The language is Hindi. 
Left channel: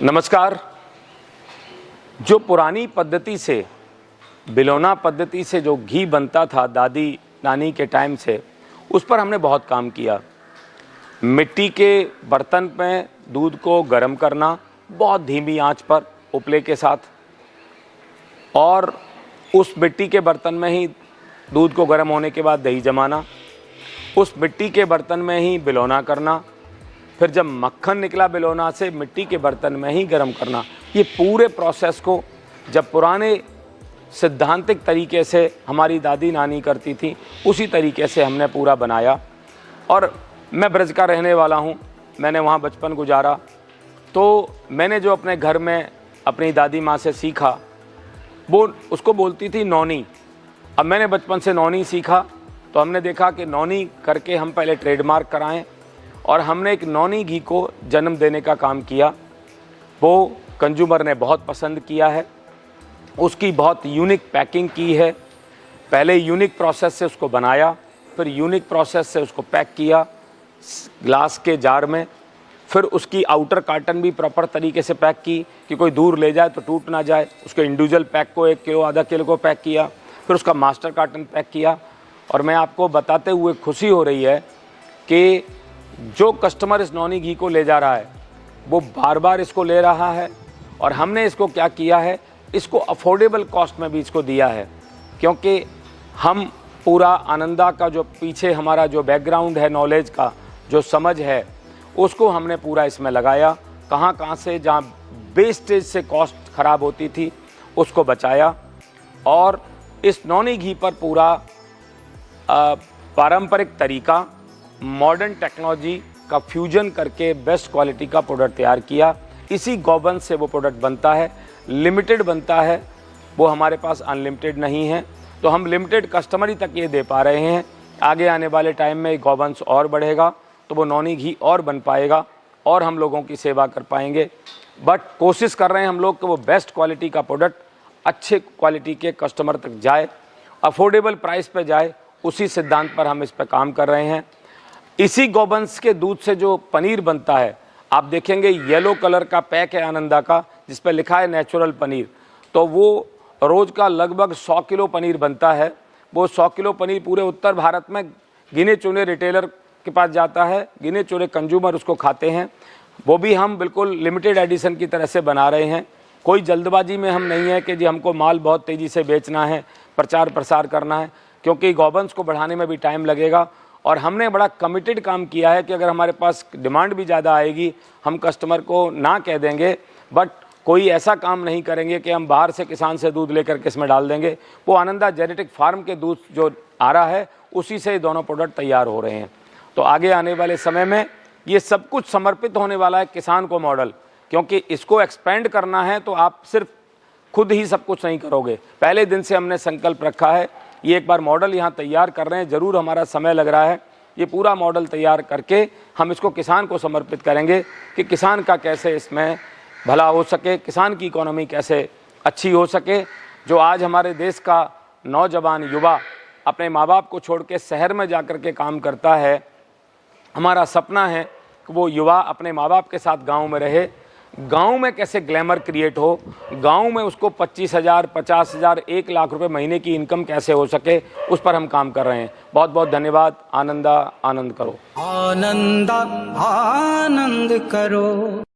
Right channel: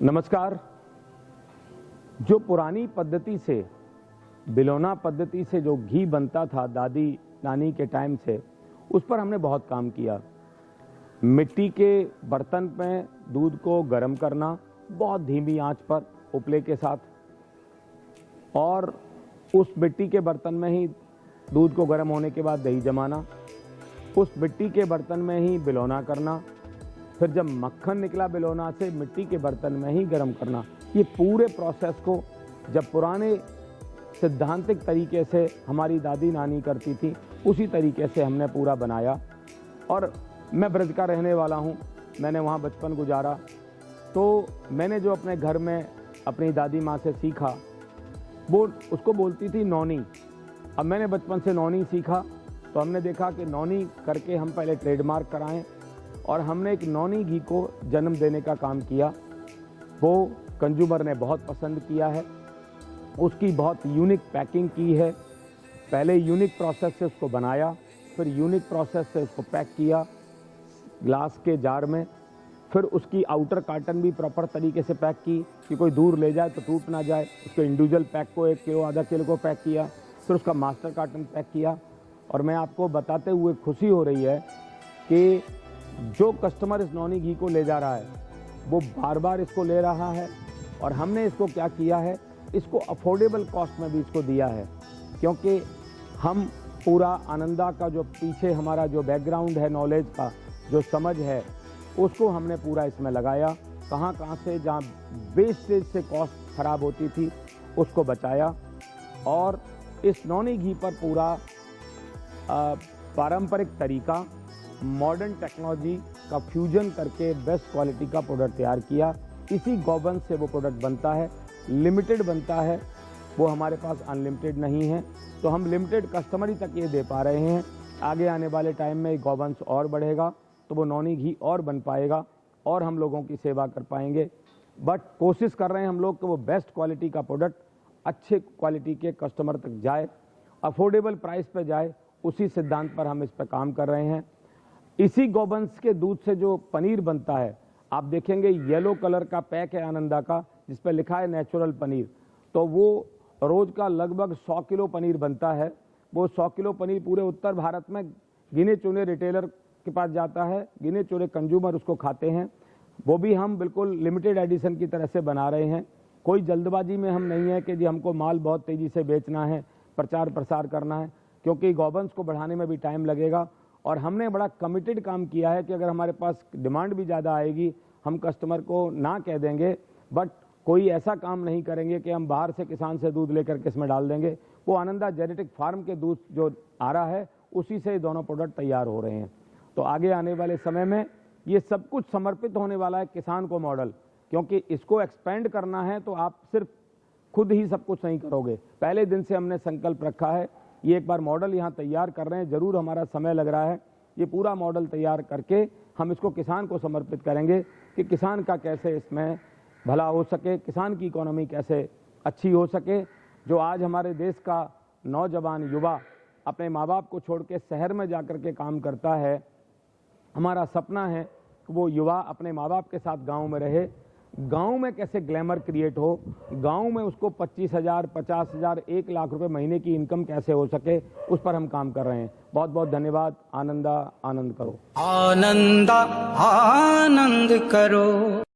नमस्कार। जो पुरानी पद्धति से बिलोना पद्धति से जो घी बनता था दादी नानी के टाइम से, उस पर हमने बहुत काम किया। मिट्टी के बर्तन में दूध को गर्म करना बहुत धीमी आंच पर उपले के साथ, और उस मिट्टी के बर्तन में ही दूध को गर्म होने के बाद दही जमाना, उस मिट्टी के बर्तन में ही बिलोना करना, फिर जब मक्खन निकला बिलोना से मिट्टी के बर्तन में ही गर्म करना। ये पूरे प्रोसेस को जब पुराने सिद्धांतिक तरीके से हमारी दादी नानी करती थी, उसी तरीके से हमने पूरा बनाया। और मैं ब्रज का रहने वाला हूँ, मैंने वहाँ बचपन गुजारा, तो मैंने जो अपने घर में अपनी दादी माँ से सीखा वो उसको बोलती थी नौनी। अब मैंने बचपन से नौनी सीखा, तो हमने देखा कि नौनी करके हम पहले ट्रेडमार्क कराएं, और हमने एक नौनी घी को जन्म देने का काम किया। वो कंज्यूमर ने बहुत पसंद किया है, उसकी बहुत यूनिक पैकिंग की है। पहले यूनिक प्रोसेस से उसको बनाया, फिर यूनिक प्रोसेस से उसको पैक किया ग्लास के जार में, फिर उसकी आउटर कार्टन भी प्रॉपर तरीके से पैक की कि कोई दूर ले जाए तो टूट ना जाए। उसके इंडिविजुअल पैक को 1 किलो आधा किलो को पैक किया, फिर उसका मास्टर कार्टन पैक किया। और मैं आपको बताते हुए खुशी हो रही है कि जो कस्टमर इस नौनी घी को ले जा रहा है वो बार बार इसको ले रहा है। और हमने इसको क्या किया है, इसको अफोर्डेबल कॉस्ट में भी इसको दिया है, क्योंकि हम पूरा आनंदा का जो पीछे हमारा जो बैकग्राउंड है, नॉलेज का जो समझ है, उसको हमने पूरा इसमें लगाया। कहाँ कहाँ से जहाँ वेस्टेज से कॉस्ट ख़राब होती थी उसको बचाया, और इस नौनी घी पर पूरा पारंपरिक तरीका मॉडर्न टेक्नोलॉजी का फ्यूजन करके बेस्ट क्वालिटी का प्रोडक्ट तैयार किया। इसी गौवंश से वो प्रोडक्ट बनता है, लिमिटेड बनता है, वो हमारे पास अनलिमिटेड नहीं है। तो हम लिमिटेड कस्टमर ही तक ये दे पा रहे हैं। आगे आने वाले टाइम में गौवंश और बढ़ेगा तो वो नौनी घी और बन पाएगा और हम लोगों की सेवा कर पाएंगे। बट कोशिश कर रहे हैं हम लोग कि वो बेस्ट क्वालिटी का प्रोडक्ट अच्छे क्वालिटी के कस्टमर तक जाए, अफोर्डेबल प्राइस पे जाए। उसी सिद्धांत पर हम इस पर काम कर रहे हैं। इसी गौवंश के दूध से जो पनीर बनता है, आप देखेंगे येलो कलर का पैक है आनंदा का, जिस पर लिखा है नेचुरल पनीर। तो वो रोज़ का लगभग 100 किलो पनीर बनता है। वो 100 किलो पनीर पूरे उत्तर भारत में गिने चुने रिटेलर के पास जाता है, गिने चुने कंज्यूमर उसको खाते हैं। वो भी हम बिल्कुल लिमिटेड एडिशन की तरह से बना रहे हैं। कोई जल्दबाजी में हम नहीं है कि जी हमको माल बहुत तेज़ी से बेचना है, प्रचार प्रसार करना है, क्योंकि गौवंश को बढ़ाने में भी टाइम लगेगा। और हमने बड़ा कमिटेड काम किया है कि अगर हमारे पास डिमांड भी ज़्यादा आएगी, हम कस्टमर को ना कह देंगे, बट कोई ऐसा काम नहीं करेंगे कि हम बाहर से किसान से दूध लेकर के इसमें डाल देंगे। वो आनंदा जेनेटिक फार्म के दूध जो आ रहा है, उसी से दोनों प्रोडक्ट तैयार हो रहे हैं। तो आगे आने वाले समय में ये सब कुछ समर्पित होने वाला है किसान को मॉडल, क्योंकि इसको एक्सपेंड करना है तो आप सिर्फ खुद ही सब कुछ नहीं करोगे। पहले दिन से हमने संकल्प रखा है, ये एक बार मॉडल यहाँ तैयार कर रहे हैं, ज़रूर हमारा समय लग रहा है। ये पूरा मॉडल तैयार करके हम इसको किसान को समर्पित करेंगे कि किसान का कैसे इसमें भला हो सके, किसान की इकोनॉमी कैसे अच्छी हो सके। जो आज हमारे देश का नौजवान युवा अपने माँ बाप को छोड़ के शहर में जा कर के काम करता है, हमारा सपना है कि वो युवा अपने माँ बाप के साथ गाँव में रहे। गांव में कैसे ग्लैमर क्रिएट हो, गांव में उसको 25,000, 50,000, 1 लाख रुपए महीने की इनकम कैसे हो सके, उस पर हम काम कर रहे हैं। बहुत बहुत धन्यवाद। आनंदा आनंद करो, आनंदा आनंद करो।